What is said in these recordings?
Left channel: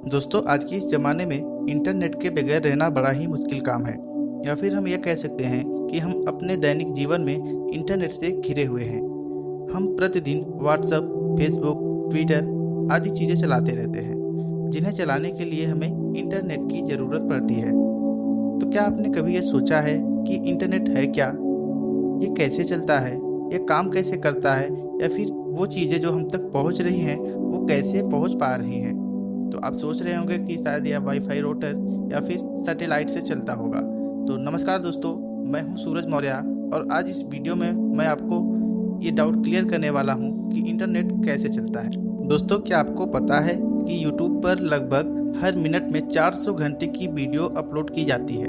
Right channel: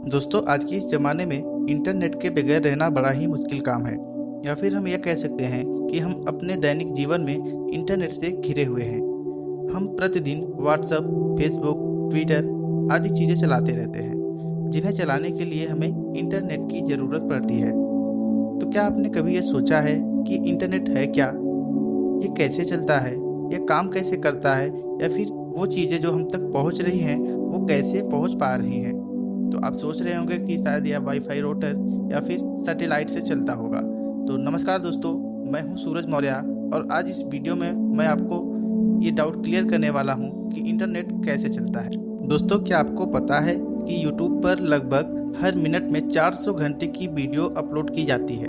दोस्तों, आज के इस ज़माने में इंटरनेट के बगैर रहना बड़ा ही मुश्किल काम है। या फिर हम यह कह सकते हैं कि हम अपने दैनिक जीवन में इंटरनेट से घिरे हुए हैं। हम प्रतिदिन व्हाट्सएप, फेसबुक, ट्विटर आदि चीज़ें चलाते रहते हैं, जिन्हें चलाने के लिए हमें इंटरनेट की ज़रूरत पड़ती है। तो क्या आपने कभी ये सोचा है कि इंटरनेट है क्या? ये कैसे चलता है? ये काम कैसे करता है? या फिर वो चीज़ें जो हम तक पहुंच रही हैं, वो कैसे पहुंच पा रही हैं? तो आप सोच रहे होंगे कि शायद यह वाईफाई राउटर या फिर सैटेलाइट से चलता होगा। तो नमस्कार दोस्तों, मैं हूं सूरज मौर्य और आज इस वीडियो में मैं आपको ये डाउट क्लियर करने वाला हूं कि इंटरनेट कैसे चलता है। दोस्तों, क्या आपको पता है कि यूट्यूब पर लगभग हर मिनट में 400 घंटे की वीडियो अपलोड की जाती है?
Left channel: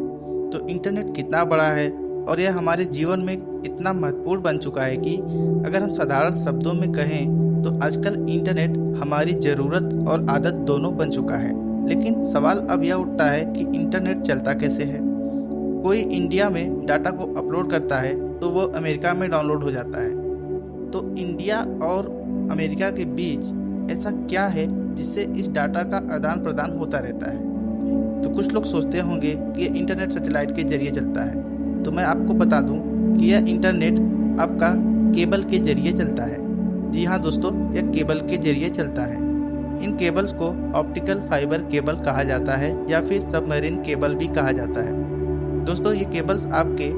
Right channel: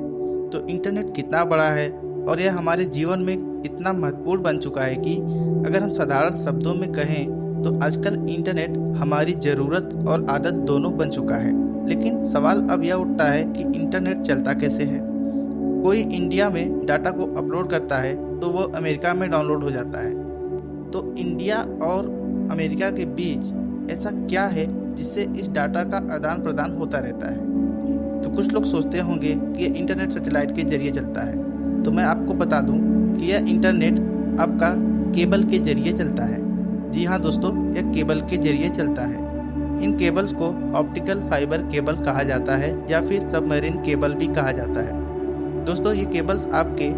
तो इंटरनेट कितना बड़ा है और यह हमारे जीवन में इतना महत्वपूर्ण बन चुका है कि अगर हम साधारण शब्दों में कहें तो आजकल इंटरनेट हमारी ज़रूरत और आदत दोनों बन चुका है। लेकिन सवाल अब यह उठता है कि इंटरनेट चलता कैसे है। कोई इंडिया में डाटा को अपलोड करता है तो वो अमेरिका में डाउनलोड हो जाता है। तो इंडिया और अमेरिका के बीच ऐसा क्या है जिससे इस डाटा का आदान प्रदान होता रहता है? तो कुछ लोग सोचते होंगे कि यह इंटरनेट सैटेलाइट के जरिए चलता है। तो मैं आपको बता दूं कि यह इंटरनेट आपका केबल के जरिए चलता है। जी हाँ दोस्तों, यह केबल के जरिए चलता है। इन केबल्स को ऑप्टिकल फाइबर केबल कहा जाता है या फिर सबमरीन केबल भी कहा जाता है। दोस्तों, ये केबल्स आपके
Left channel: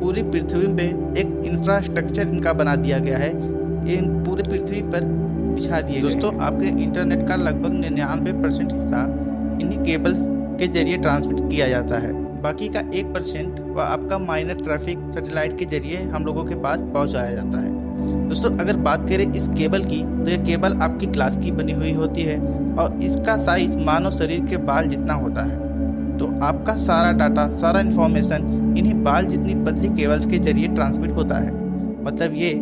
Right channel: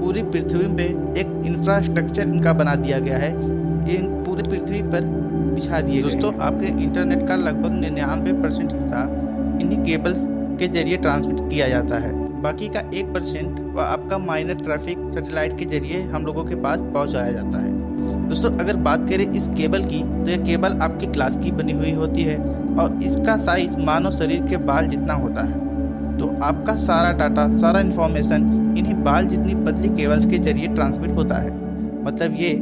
पूरी पृथ्वी पे एक इंफ्रास्ट्रक्चर इनका बना दिया गया है। ये पूरे पृथ्वी पर बिछा दिए गए। दोस्तों, आपके इंटरनेट का लगभग 99% हिस्सा इन्हीं केबल्स के जरिए ट्रांसमिट किया जाता है। बाकी का 1% वह आपका माइनर ट्रैफिक सैटेलाइट के जरिए हम लोगों के पास पहुंचाया जाता है। दोस्तों, अगर बात करें इस केबल की तो यह केबल आपकी ग्लास की बनी हुई होती है और इसका साइज मानव शरीर के बाल जितना होता है। तो आपका सारा डाटा, सारा इन्फॉर्मेशन इन्हीं बाल जितनी पतली केबल्स के जरिए ट्रांसमिट होता है। मतलब ये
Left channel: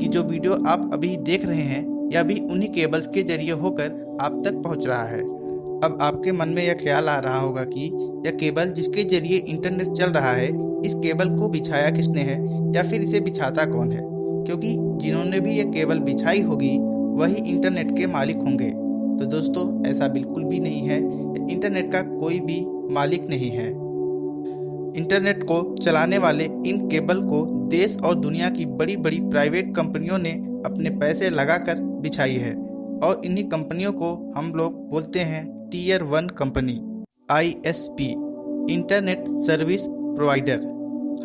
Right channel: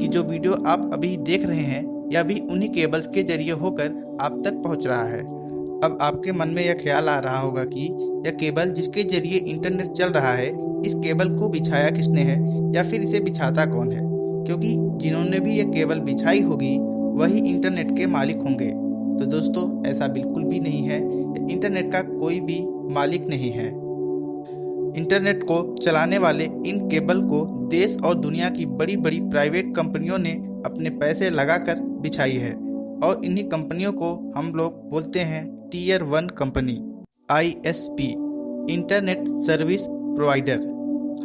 कि जो वीडियो आप अभी देख रहे हैं यह भी उन्हीं केबल्स के जरिए होकर आप तक पहुंच रहा है। अब आपके मन में यह ख्याल आ रहा होगा कि यह केबल जिसके जरिए इंटरनेट चल रहा है, इस केबल को बिछाया किसने है या फिर इसे बिछाता कौन है? क्योंकि जिन्होंने भी यह केबल बिछाई होगी वही इंटरनेट के मालिक होंगे। तो दोस्तों, ऐसा बिल्कुल भी नहीं है। इंटरनेट का कोई भी मालिक नहीं है। इंटरनेट को चलाने वाले इन केबल को देश और दुनिया की बड़ी बड़ी प्राइवेट कंपनियों ने अपने पैसे लगाकर बिछाई है और इन्हीं कंपनियों को हम लोग बोलते हैं tier 1 company, ISP, internet service provider.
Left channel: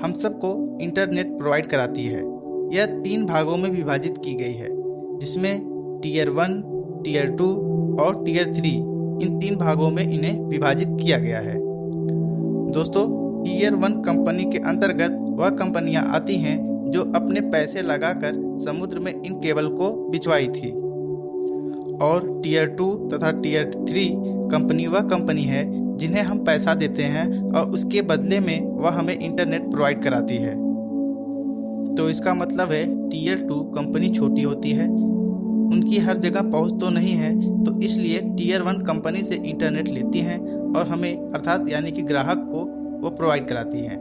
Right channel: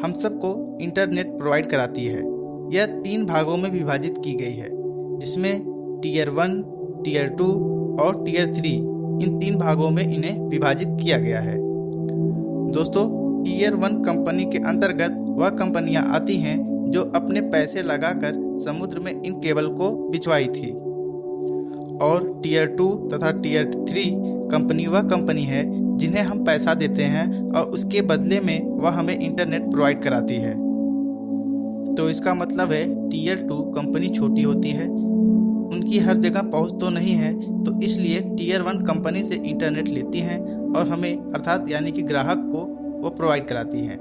हम सबको इंटरनेट प्रोवाइड कराती है। यह 3 भागों में विभाजित की गई है, जिसमें टीयर 1, टीयर 2 और टीयर 3 इन 3 भागों में इन्हें विभाजित किया गया है। दोस्तों, टीयर 1 कंपनी के अंतर्गत वह कंपनियां आती हैं जो अपने पैसे लगाकर समुद्र में इन केबल को बिछवाई थी। और टीयर 2 तथा टीयर 3 कंपनी वह कंपनी है जिन्हें हम पैसा देते हैं और उसके बदले में वह हमें इंटरनेट प्रोवाइड कराती है। तो इसका मतलब है टीयर 2 कंपनी छोटी होती है, उनकी हर जगह पहुंच तो नहीं है, तो इसलिए टीयर 1 कंपनी से इंटरनेट लेती हैं और हमें अर्थात यानी कि ग्राहक को वो प्रोवाइड कराती हैं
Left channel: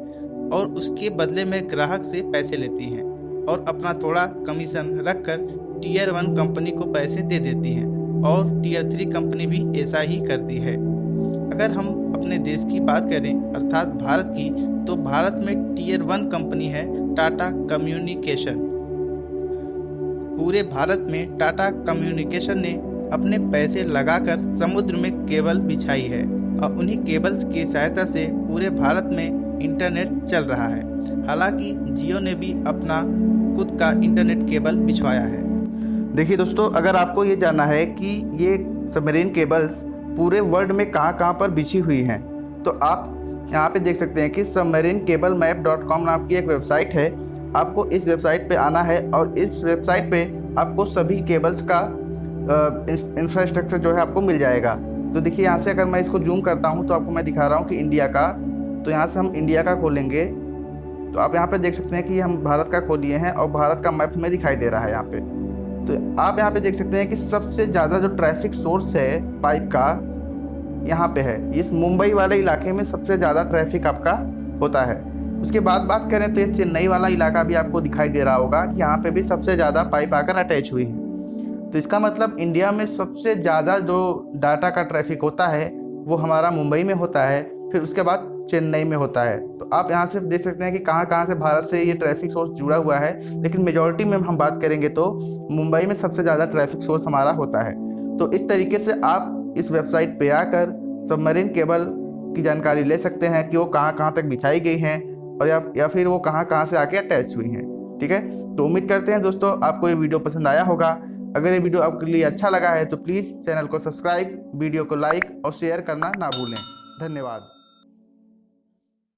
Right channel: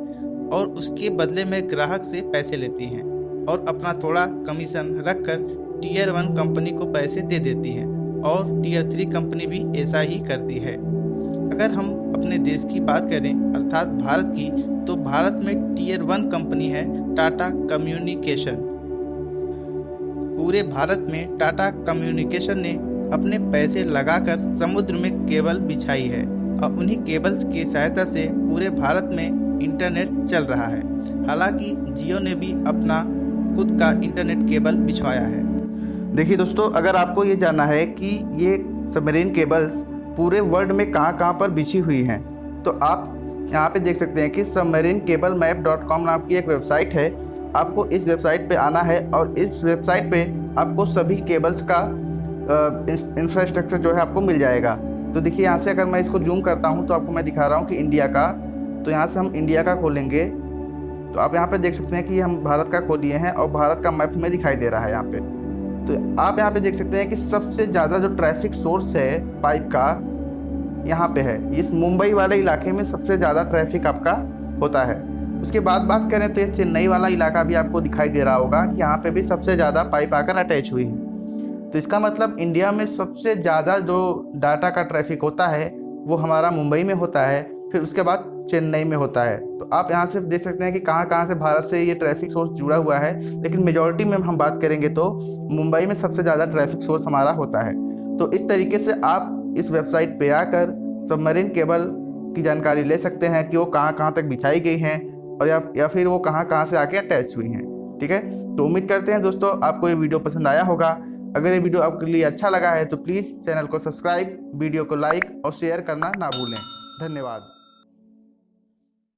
और उसके बदले में ग्राहक से पैसे लेती हैं और अपना थोड़ा कमीशन रखकर टीयर 1 कंपनी को पैसे दे देती हैं। और टीयर 3 कंपनी भी ऐसा ही करती है। अगर हम अपने देश की बात करें अर्थात भारत की, तो भारत में टीयर 1 कंपनी है टाटा कम्युनिकेशन। पूरे भारत में टाटा कम्युनिकेशन ने अपने पैसे लगाकर समुद्र में केबल बिछाई है और उन्हीं केबल्स की सहायता से पूरे भारत में इंटरनेट चल रहा है। हालांकि जियो ने भी अपना खुद का इंटरनेट केबल बिछवाया है। देखिए दोस्तों, अगर आपको ये जानना है कि ये सबमरीन केबल्स पूरे वर्ल्ड में कहाँ पर बिछी हुई हैं, तो आप यहाँ पे देख सकते हैं कि submarinecablmap.com नाम की एक वेबसाइट है। आपको इस वेबसाइट पे आना है और इस वेबसाइट पे आपको सभी केबल्स का इंफ्रास्ट्रक्चर जो है आपको मिल जाएगा। तो देखिए, यहाँ से अगर मैं इसको जूम करता हूँ तो आपको मैं दिखा रहा हूँ कि इंडिया का, तो यहाँ से हम इंडिया का खोलेंगे तो आप यहाँ पे देख सकते हैं कि हम भारत का खोलिए हैं और भारत का मैप में दिखाई दे रहा है यहाँ पे। तो आप यहाँ पे देख सकते हैं कि सबसे ज़्यादा जो ट्रैफिक सोर्स है पाइप का यहाँ पे है। इस मुंबई वाले इलाके में सबसे ज़्यादा ट्रैफिक आपका होता है। उसके बाद बात करें तो ये चेन्नई वाला इलाका भी आपको दिखाई दे रहा होगा कि यहाँ पे भी सबसे ज़्यादा पाइप आकर अटैच हुई है। तो इसका मतलब इंडिया में सबसे ज़्यादा जो डाटा का ट्रैफिक होता है वो हमारा मुंबई में होता है, फिर उसके बाद चेन्नई में होता है। तो आप यहाँ से देख सकते हैं कि कहाँ कहाँ से भारत से ये ट्रैफिक सोर्स जुड़ा हुआ है, लेकिन मेजॉरिटी में हम बात करेंगे तो मुंबई में सबसे ज़्यादा ट्रैफिक सोर्स हमारा होता है। तो इस तरीके से आप इस वेबसाइट पे आकर सबमरीन केबल की जानकारी ले सकते हैं कि वो कहाँ कहाँ तक बिछाई गई हैं और या फिर वो कहाँ कहाँ से आके अटैच हुई हैं। ठीक है, तो उम्मीद करते हैं दोस्तों आपको ये वीडियो पसंद आया होगा। अगर ये वीडियो आपके लिए अच्छा लगा है तो प्लीज़ चैनल को सब्सक्राइब, वीडियो को लाइक और शेयर करना ना भूलें। धन्यवाद।